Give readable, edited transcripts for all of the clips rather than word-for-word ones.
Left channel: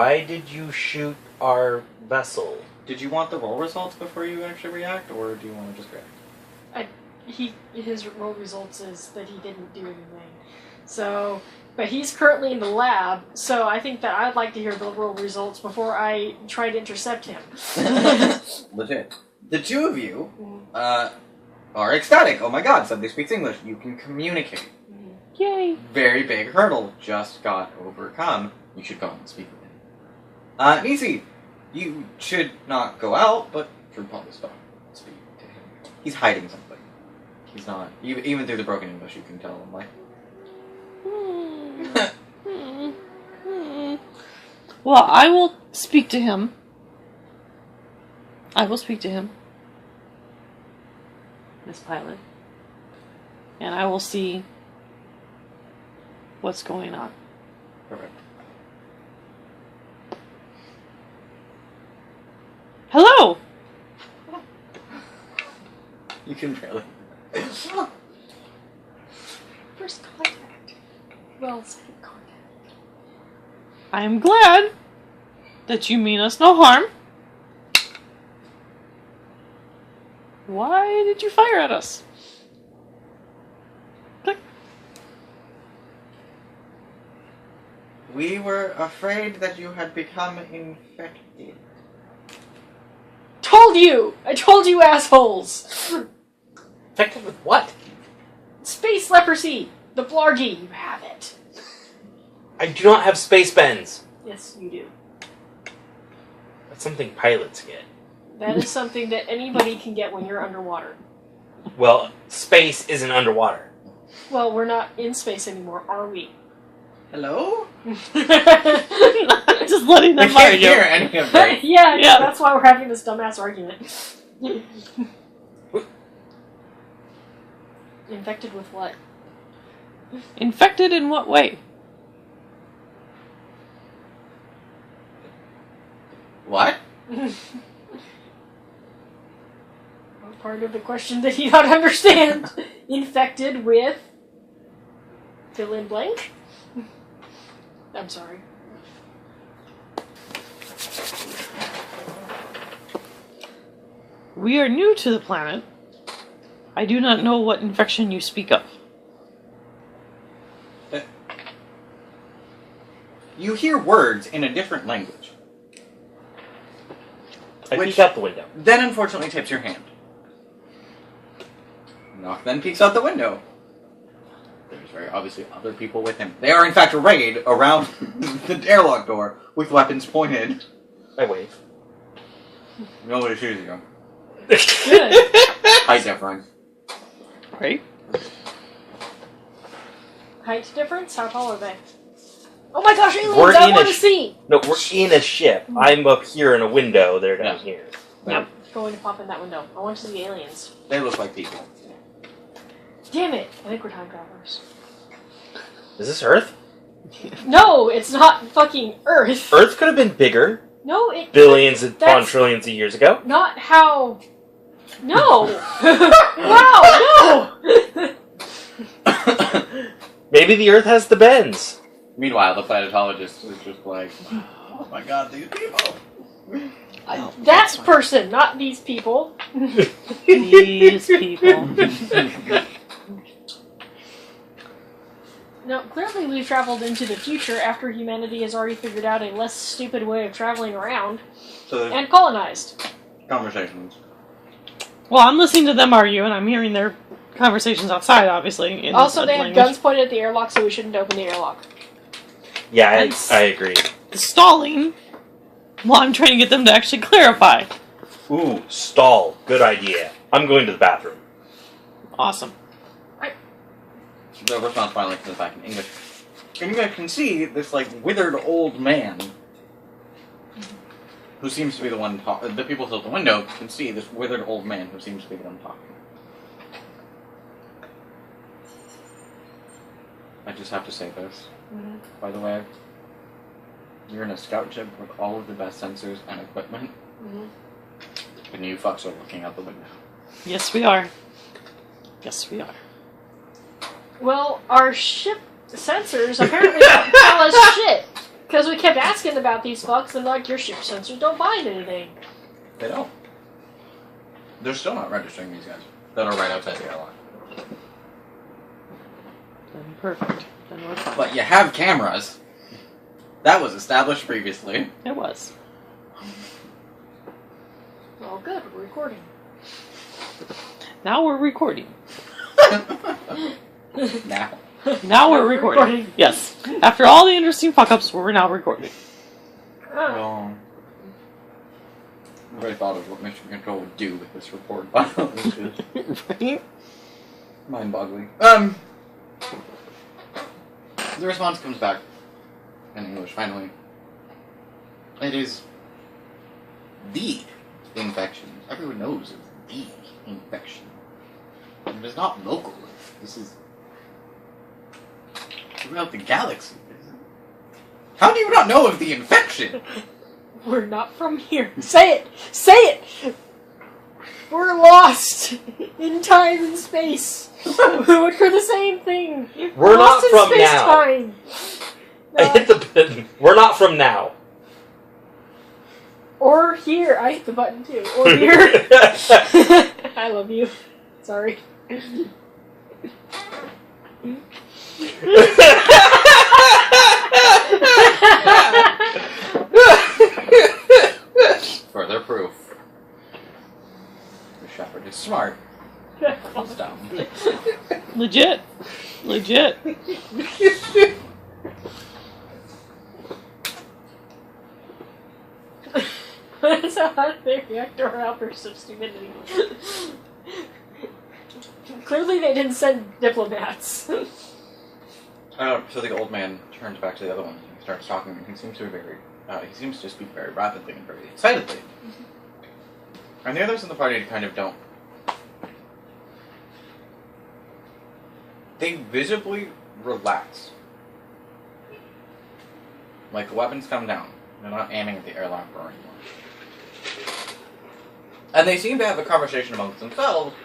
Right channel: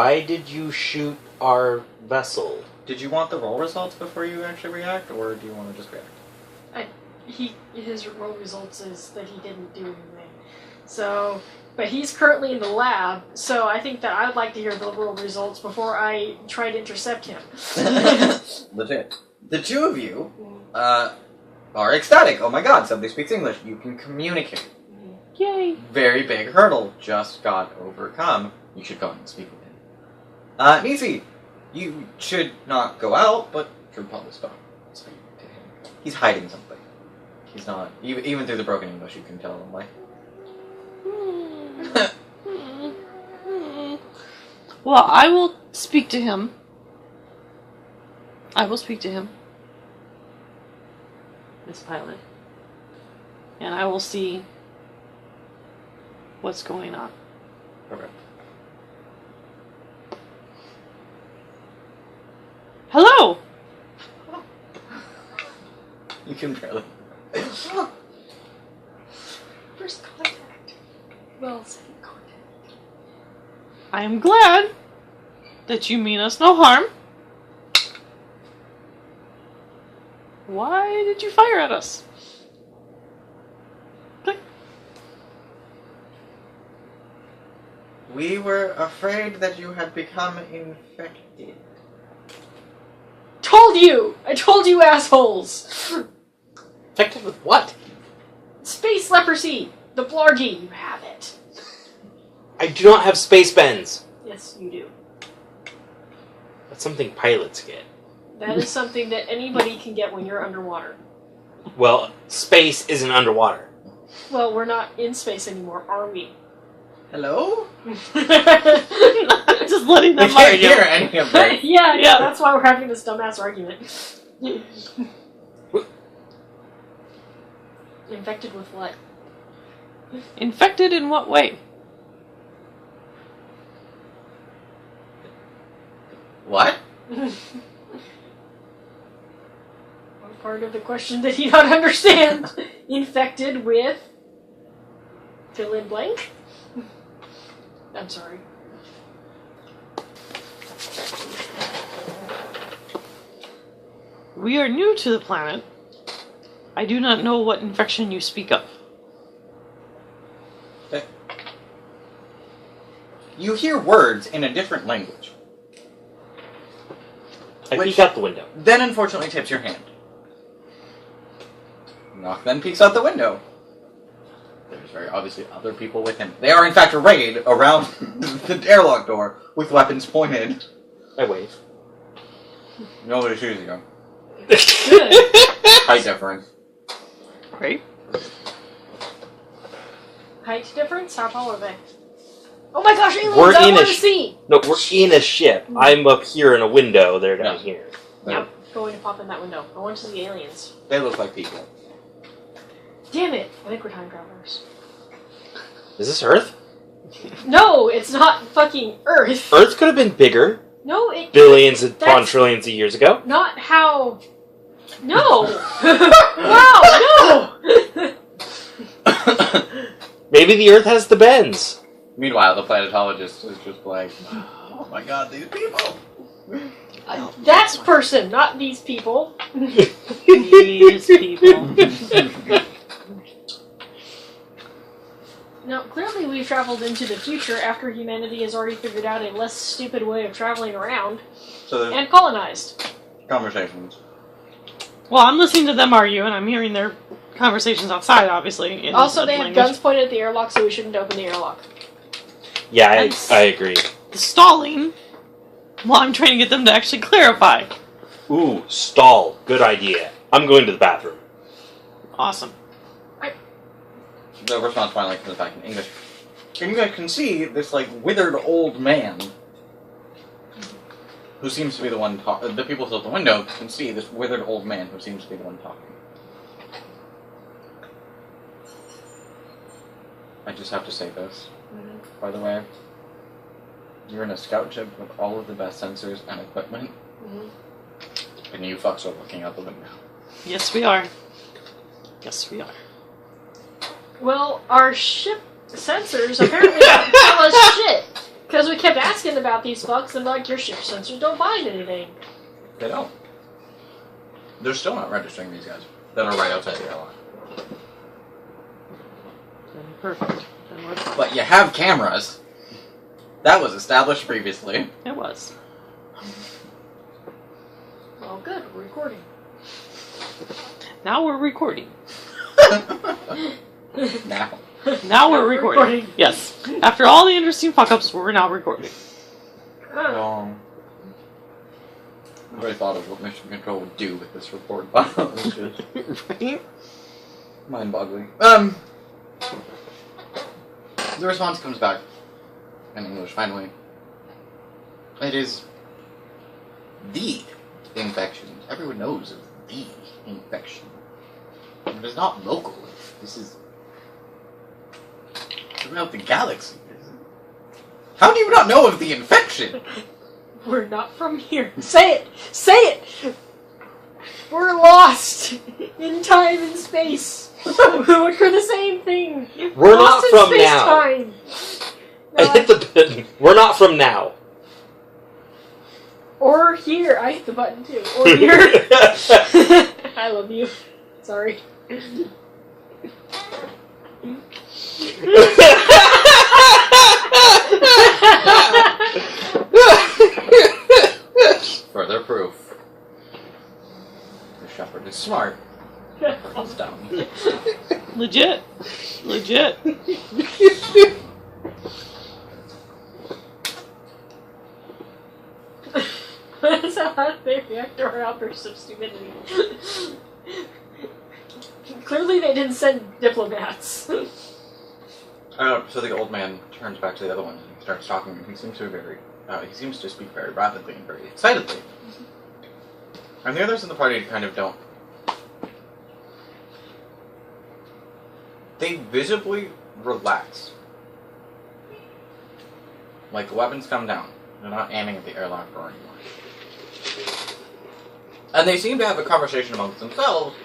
why did you shoot our vessel? Did you want the roll results before you actually react, or do you want to just react? His roll results is that he didn't do anything. So, but he's currently in the lab, so I think that I'd like to hear the roll results before I try to intercept him. Legit. The two of you are ecstatic. Oh my god, somebody speaks English. You can communicate. Yay! Very big hurdle just got overcome. You should go and speak with him. Nisi, you should not go out, but should probably speak to him. He's hiding something. He's not. Even through the broken English, you can tell him, like. Well, I will speak to him. Miss Pilot. And I will see what's going on. Perfect. Hello! You can barely. First contact. Well, second contact. I am glad that you mean us no harm. Why did you fire at us? Click. We were afraid that you had become infected. Told you! I told you, assholes! Infected with what? Space leprosy! The Blargy, you have it. I do not have space bends. Yes, you do. That's something pilots get. That is something that anybody can get when you're underwater. Well, space isn't underwater. Well, we're not in space anymore, are we? Hello? Just letting I them can't argue. hear any of that. Yeah, that's why we're having this dumbass argument. Infected with what? Infected in what way? What? Part of the question that you don't understand. Infected with... fill in blank? I'm sorry. We are new to the planet. I do not know what infection you speak of. You hear words in a different language. I Which- peek out the window. Then unfortunately tips your hand. Nock then peeks out the window. There's very obviously other people with him. They are in fact arrayed around the airlock door with weapons pointed. I wave. Nobody shoots you. Good. Height difference. Right? Height difference? How tall are they? Oh my gosh, aliens! We're I in want a to see! No, we're in a ship. I'm up here in a window. They're down Yeah. here. I'm going to pop in that window. I want to see aliens. They look like people. Damn it! I think we're time travelers. Is this Earth? No, it's not fucking Earth. Earth could have been bigger. No, it... Billions upon That's- trillions of years ago. Not how... No! Wow, no! Maybe the Earth has the bends. Meanwhile, the planetologist is just like, oh my god, these people. That person, not these people. These people. Now, clearly we've traveled into the future after humanity has already figured out a less stupid way of traveling around So there's and colonized. conversations. Well, I'm listening to them argue, and I'm hearing their conversations outside, obviously. In Also, a they have language. guns pointed at the airlock, so we shouldn't open the airlock. Yeah, Nice. I agree. Stalling. Well, I'm trying to get them to actually clarify. Ooh, stall. Good idea. I'm going to the bathroom. Awesome. The response finally comes back in English. And you guys can see this, like, withered old man who seems to be the one talking. The people still at the window can see this withered old man who seems to be the one talking. I just have to say this, by the way. You're in a scout ship with all of the best sensors and equipment, and you fucks are looking out the window. Yes, we are. Yes, we are. Well, our ship sensors apparently don't tell us shit. Because we kept asking about these fucks, and like, your ship sensors don't find anything. They don't. They're still not registering these guys that are right outside the airlock. Perfect. But you have cameras. That was established previously. It was. Well, good. We're recording. Now we're recording. Now. Now we're recording. Yes. After all the interesting fuck-ups, we're now recording. Well, I really thought of what Mission Control would do with this report file. It's just Right? mind-boggling. The response comes back in English, finally. It is the infection. Everyone knows of the infection. It is not local. This is throughout the galaxy. How do you not know of the infection? We're not from here. Say it! Say it! We're lost in time and space. We're the same thing. We're Lost not in from now. space-time. I hit the button. We're not from now. Or here. I hit the button too. Or here. I love you. Sorry. Further proof. The Shepard is smart. It's dumb. Legit. Legit. That's how they react to our outbursts of stupidity. Clearly they didn't send diplomats. So the old man turns back to the other one and he starts talking, and he seems to speak very rapidly and very excitedly. And the others in the party kind of don't. They visibly relax. Like the weapons come down. They're not aiming at the airlock door anymore. And they seem to have a conversation amongst themselves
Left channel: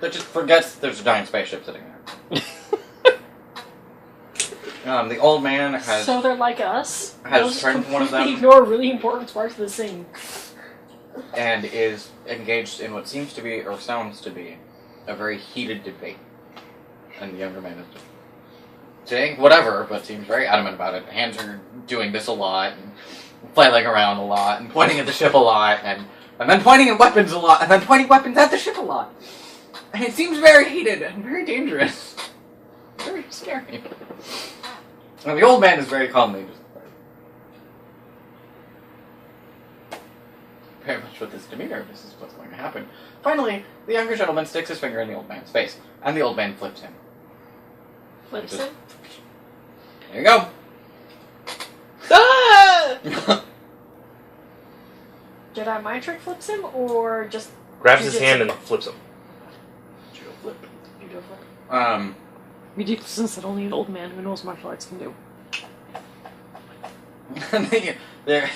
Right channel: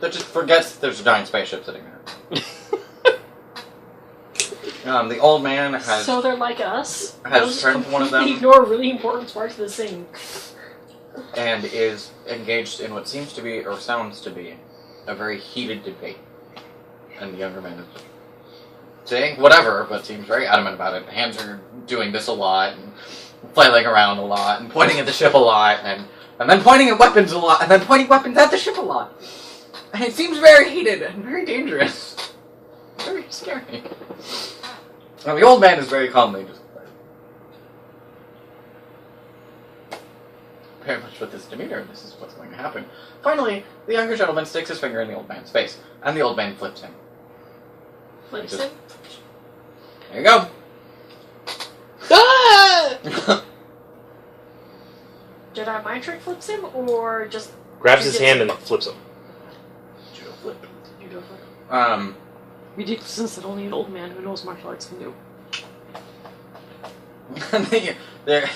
that just forgets that there's a giant spaceship sitting there. The old man has... So they're like us? has turned to one of them. They ignore really important parts of the scene. And is engaged in what seems to be, or sounds to be, a very heated debate. And the younger man is just saying whatever, but seems very adamant about it. Hands are doing this a lot, and flailing around a lot, and pointing at the ship a lot, and then pointing at weapons a lot, and then pointing weapons at the ship a lot. And it seems very heated and very dangerous. Very scary. And the old man is very calmly just... very much with this demeanor, this is what's going to happen. Finally, the younger gentleman sticks his finger in the old man's face, and the old man flips him. Flips Just- him? There you go. Jedi mind trick flips him, or just... Grabs his hand and flips him. Judo flip. judo flip? Ridiculousness that only an old man who knows martial arts can do. There,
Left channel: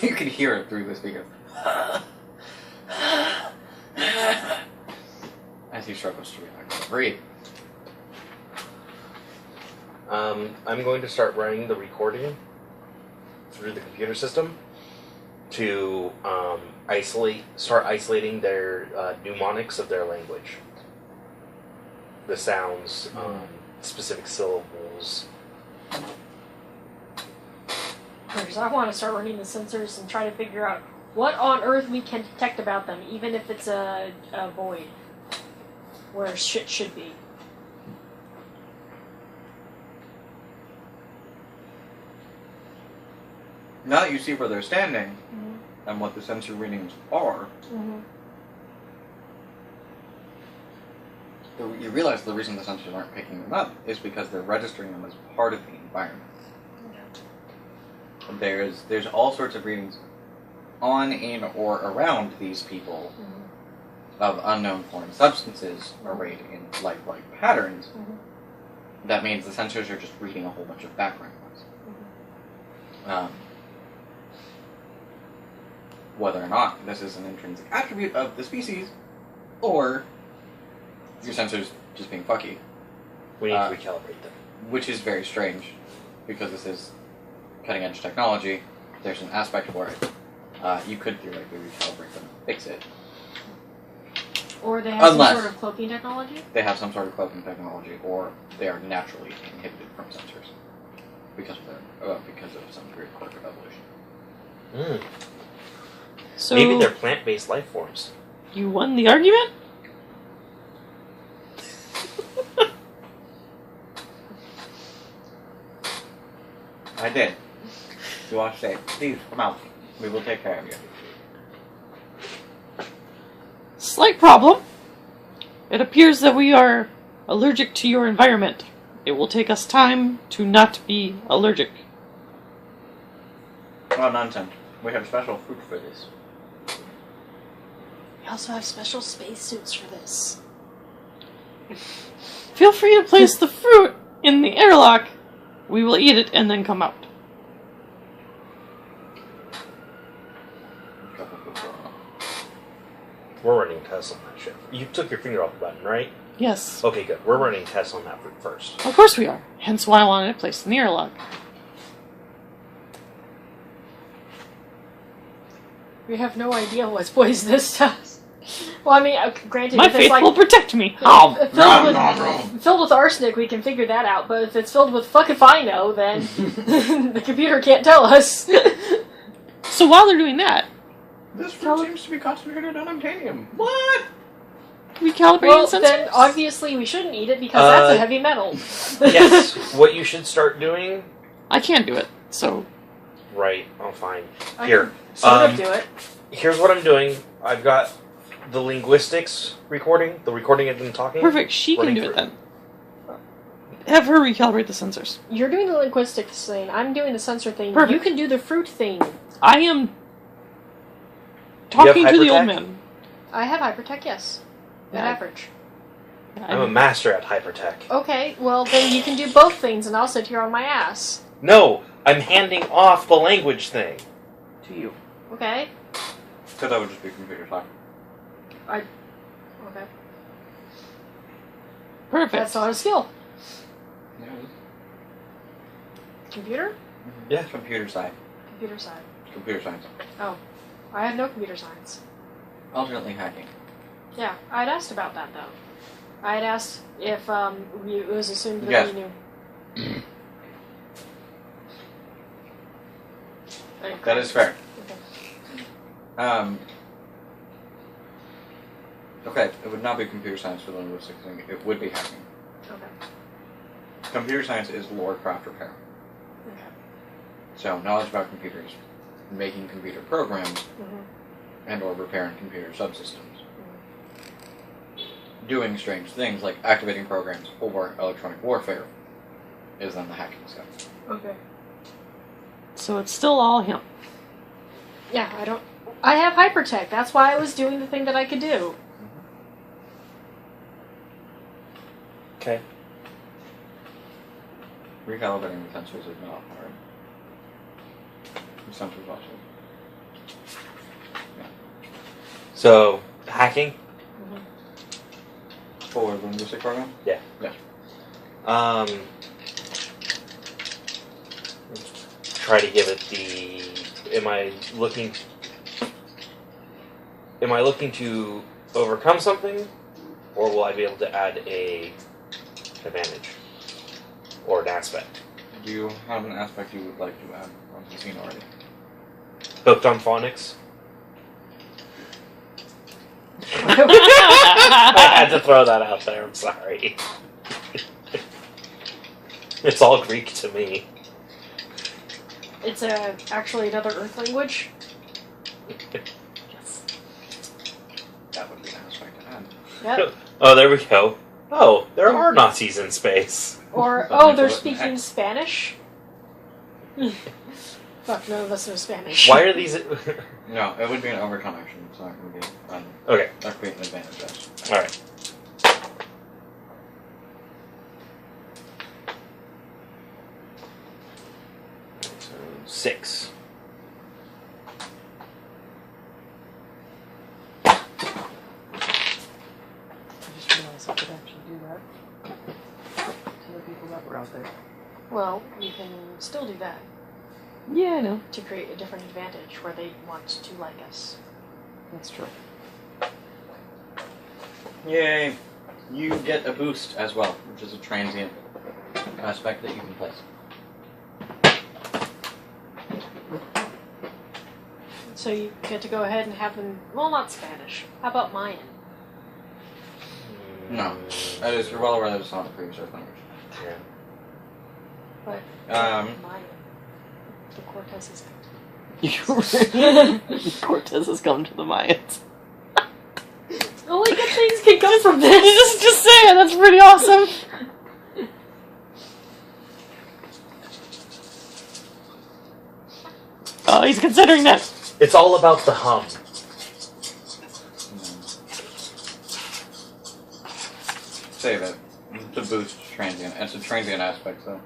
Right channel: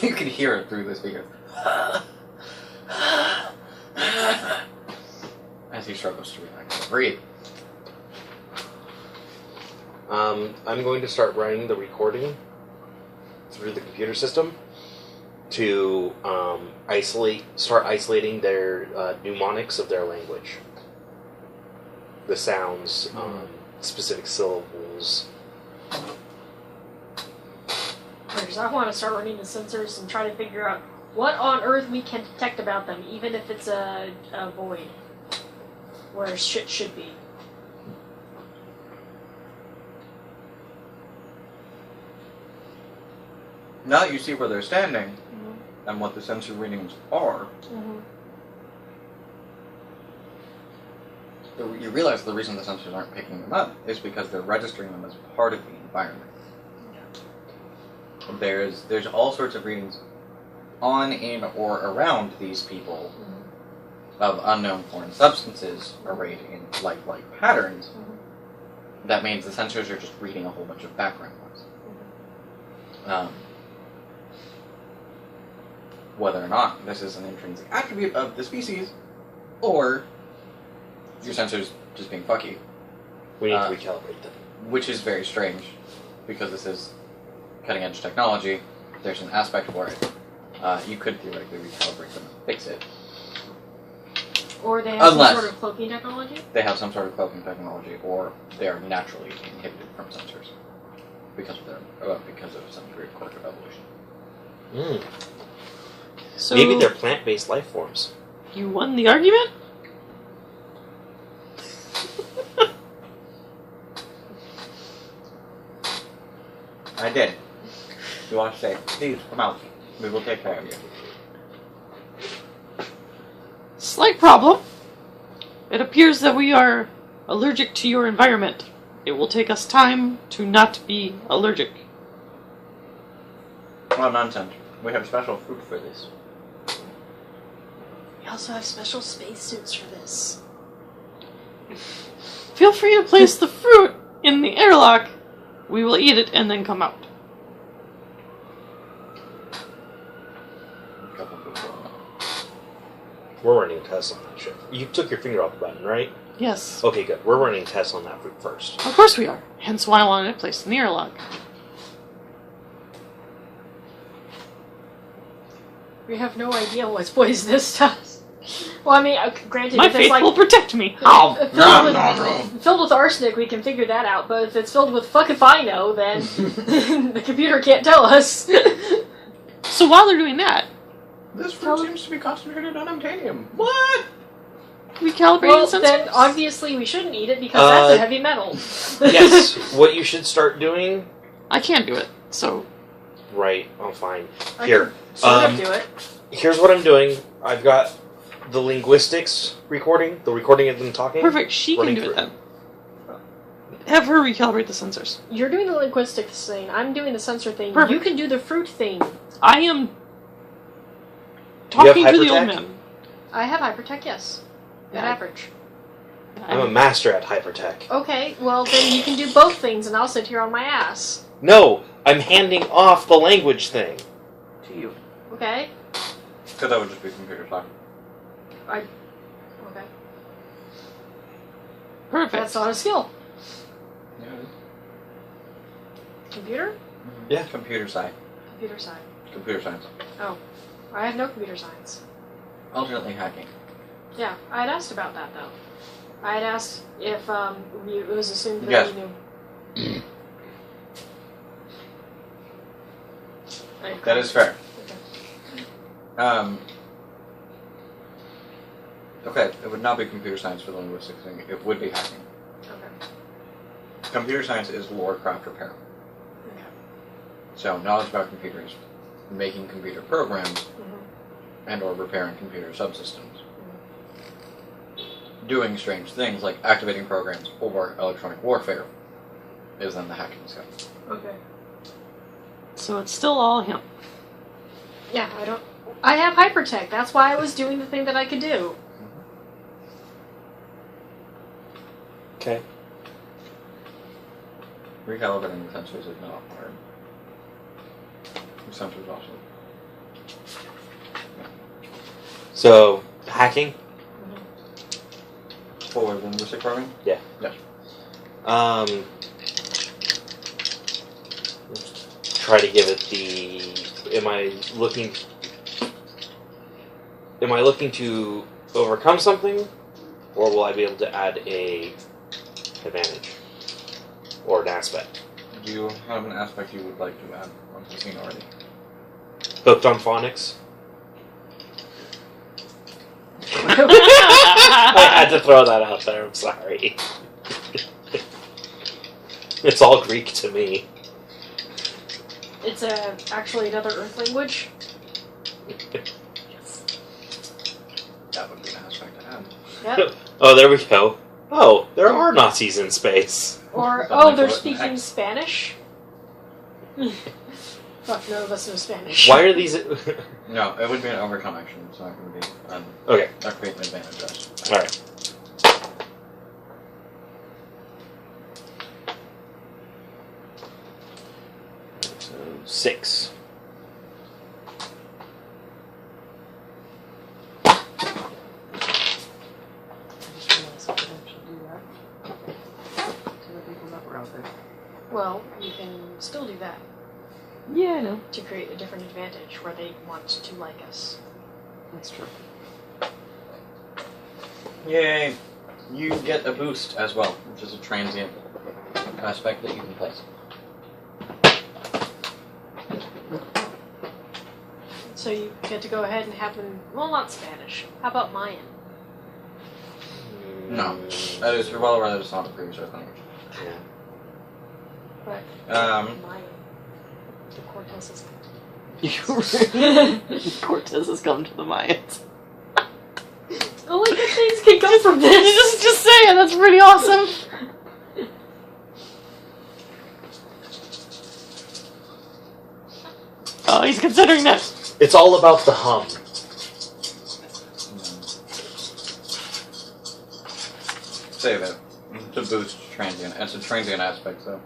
you can hear it through the speaker. As he struggles to breathe. I'm going to start running the recording through the computer system to start isolating their mnemonics of their language. The sounds, specific syllables. Because I want to start running the sensors and try to figure out what on earth we can detect about them, even if it's a void. Where shit should be. Now that you see where they're standing, and what the sensor readings are, you realize the reason the sensors aren't picking them up is because they're registering them as part of the environment. There's all sorts of readings on, in, or around these people of unknown foreign substances arrayed in lifelike patterns. That means the sensors are just reading a whole bunch of background noise. Whether or not this is an intrinsic attribute of the species, or your sensors just being fucky. We need to recalibrate them. Which is very strange, because this is cutting edge technology, there's an aspect for it. You could theoretically recalibrate them and fix it. Or they have Unless- some sort of cloaking technology? They have some sort of cloaking technology, or they are naturally inhibited from sensors because of some degree of quirk of evolution. Mm. So Maybe they're plant-based life forms. you won the argument? I did. You want to say, please come out. We will take care of you. Slight problem. It appears that we are allergic to your environment. It will take us time to not be allergic. Well, nonsense. We have special food for this. We also have special spacesuits for this. Feel free to place the fruit in the airlock. We will eat it and then come out. We're running tests on that shit. You took your finger off the button, right? Yes. Okay, good. We're running tests on that fruit first. Of course we are. Hence why I wanted it placed in the airlock. We have no idea what's poisonous to us. Well, I mean, granted, My if it's faith like will protect me. filled with arsenic, we can figure that out. But if it's filled with fuck if I know, then the computer can't tell us. So while they're doing that, This fruit seems to be concentrated on unobtainium. What? recalibrating Well, sensors? then obviously we shouldn't eat it because that's a heavy metal. Yes, what you should start doing... I can't do it, so... Right, I'm fine. I Here, can sort of do it. here's what I'm doing. I've got the linguistics recording, the recording of them talking. Perfect, she can Running do it through. then. Have her recalibrate the sensors. You're doing the linguistics thing. I'm doing the sensor thing. Perfect. You can do the fruit thing. I am You talking have to the old hypertech? man. I have hypertech, yes. At Yeah. average. I'm a master at hypertech. Okay, well then you can do both things and I'll sit here on my ass. No, I'm handing off the language thing to you. Okay? So that would just be computer talk. Okay. Perfect. That's not a skill. Yeah. Computer? Yeah. Computer side. Computer side. Computer science. Oh. I have no computer science. Alternately hacking. Yeah, I'd asked about that though. I'd asked if it was assumed that Yes. you knew. That is fair. Okay. Okay, it would not be computer science for the linguistics thing. It would be hacking. Okay. Computer science is lore, craft, repair. Okay. So knowledge about computers, making computer programs, Mhm. and or repairing computer subsystems. Doing strange things like activating programs or electronic warfare is then the hacking skill. Okay. So it's still all him. Yeah, I have hypertech. That's why I was doing the thing that I could do. Okay. Recalibrating the sensors is not hard. The sensors also. So, hacking? For the linguistic program? Yeah. Yes. Try to give it the... Am I looking to overcome something? Or will I be able to add a advantage? Or an aspect? Do you have an aspect you would like to add onto the scene already? Hooked on phonics? I had to throw that out there, I'm sorry. It's all Greek to me. It's actually another Earth language. That would be an aspect to add. Yep. Oh, there we go. Oh, there are Nazis in space. Or Something they're for it. speaking Spanish. Fuck, none of us know Spanish. Why are these... No, it would be an overcome action. It's not going to be Okay, not create an advantage. Yes. alright. So, 6. I just realized I could actually do that. To the people that were out there. Well, you can still do that. Yeah, I know. to create a different advantage where they want to like us. That's true. Yay! You get a boost as well, which is a transient aspect that you can place. So you get to go ahead and have them. Well, not Spanish. How about Mayan? No. That is, you're well aware that it's not the previous Earth language. What? Um, Mayan. The Cortez is. Cortez has come to the Mayans. Only good things can come from this. Just saying, that's pretty awesome. Oh, he's considering that. It's all about the hum. Save it. To boost transient. It's a transient aspect, so.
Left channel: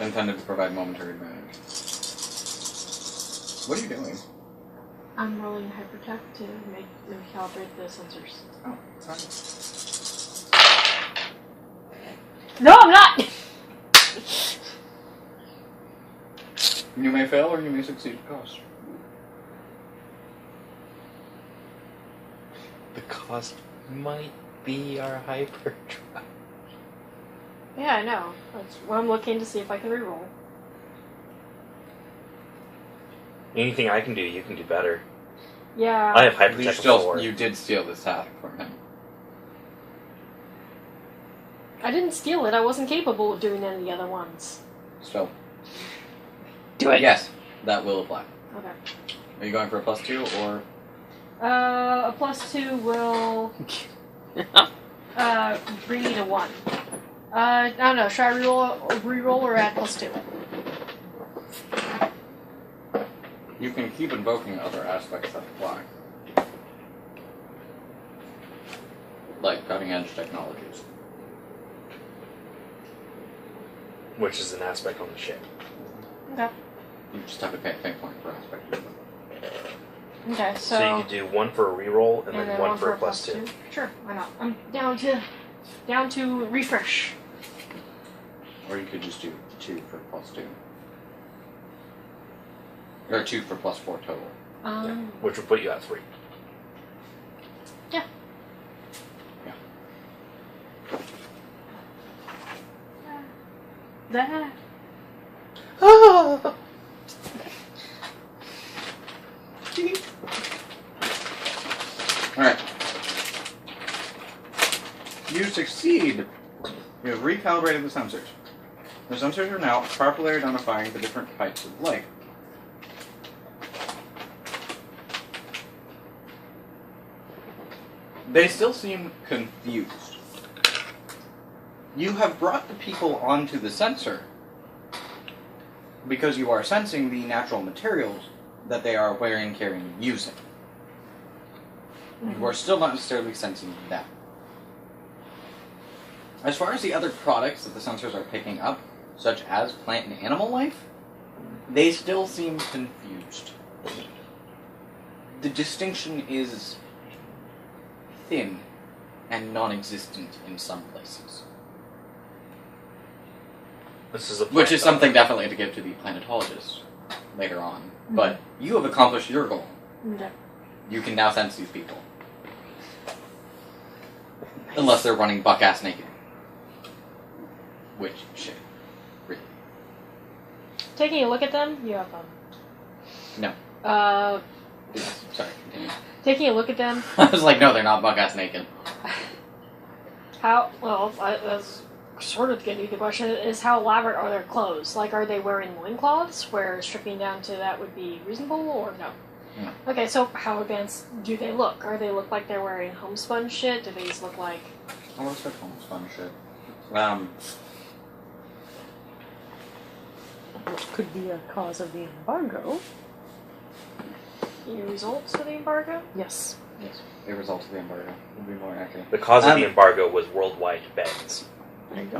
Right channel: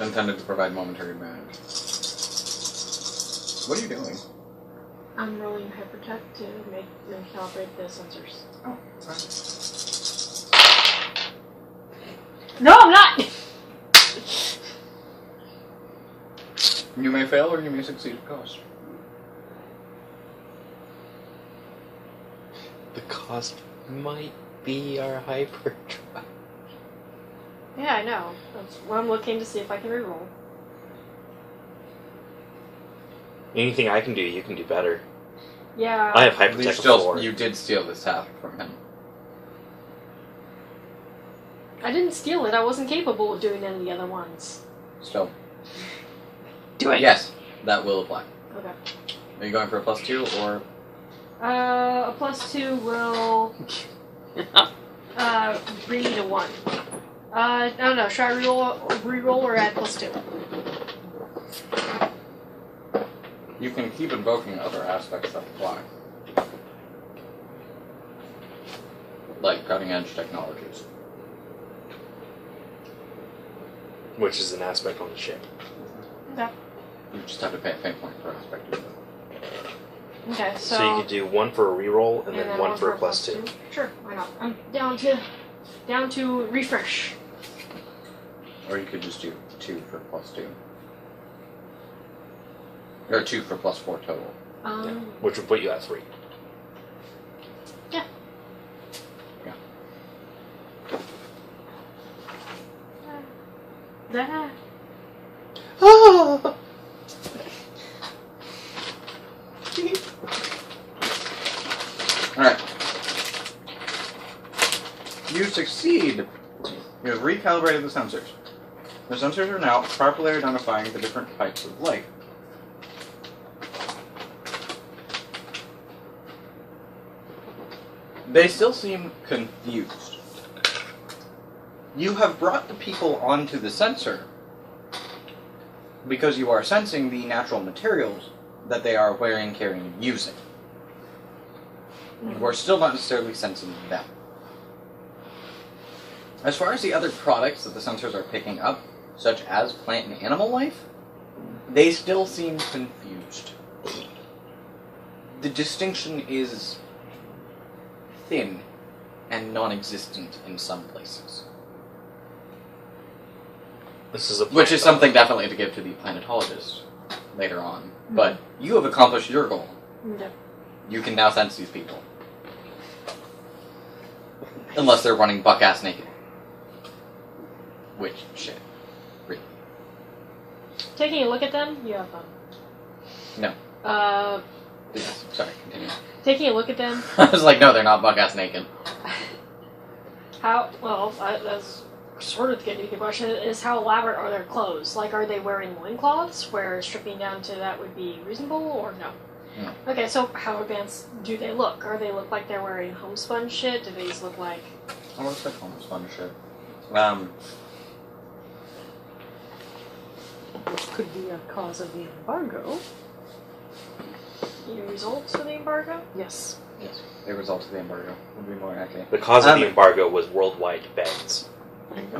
Intended to provide momentary advantage. What are you doing? I'm rolling hypertech to make them calibrate the sensors. Oh, No, I'm not! you may fail or you may succeed at cost. The cost might be our hyperdrive. Yeah, I know. That's what I'm looking to see if I can reroll. Anything I can do, you can do better. Yeah. I have hypertech before. You did steal this task from him. I didn't steal it. I wasn't capable of doing any of the other ones. Still. Do it. Yes, that will apply. Okay. Are you going for a +2 or? A +2 will bring me to 1. I don't know. Should I reroll or add +2? You can keep invoking other aspects that apply. Like cutting edge technologies. Which is an aspect on the ship. Okay. You just have to pay a fate point per aspect. Okay, So you could do 1 for a reroll and then 1 for a +2. Sure, why not? I'm down to refresh. Or you could just do 2 for +2. Or 2 for +4 total. Which would put you at 3. Yeah. Yeah. That. Oh! Alright. You succeed. You have recalibrated the sensors. The sensors are now properly identifying the different types of life. They still seem confused. You have brought the people onto the sensor because you are sensing the natural materials that they are wearing, carrying, using. You are still not necessarily sensing them. As far as the other products that the sensors are picking up, such as plant and animal life, they still seem confused. The distinction is thin and non-existent in some places. This is a Which is something definitely to give to the planetologists later on. But you have accomplished your goal. Okay. You can now sense these people. Unless they're running buck-ass naked. Which, shit. Really. Taking a look at them, you have them. No. Yes, sorry, continue. Taking a look at them. I was like, no, they're not buck-ass naked. That's sort of getting to the question, is how elaborate are their clothes? Like, are they wearing loincloths, where stripping down to that would be reasonable, or no? No. Okay, so how advanced do they look? Are they look like they're wearing homespun shit? Do they just look like... I want to say homespun shit. Which could be a cause of the embargo. The results of the embargo? Yes. Yes, the result of the embargo would be more accurate. The cause of the embargo was worldwide bans.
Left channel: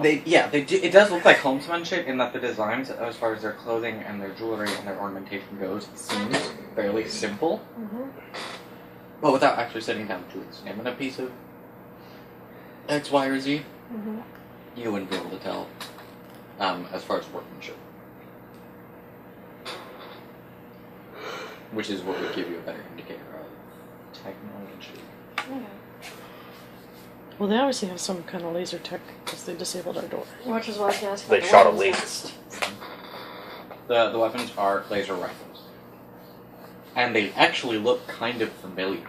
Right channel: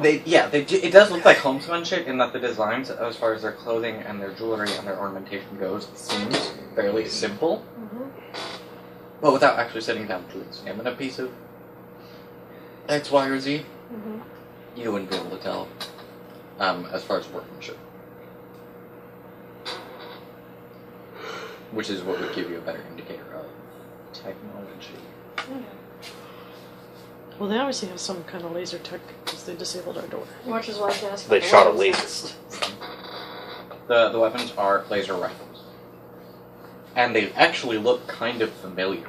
It does look like homespun shit in that the designs, as far as their clothing and their jewelry and their ornamentation goes, seems fairly simple. Mm-hmm. But without actually sitting down to examine a piece of X, Y, or Z, Mm-hmm. you wouldn't be able to tell. as far as workmanship. Which is what would give you a better indicator of technology. Yeah. Well, they obviously have some kind of laser tech because they disabled our door. Which is what I was going to ask. They about the shot a weapons. laser. The weapons are laser rifles. And they actually look kind of familiar.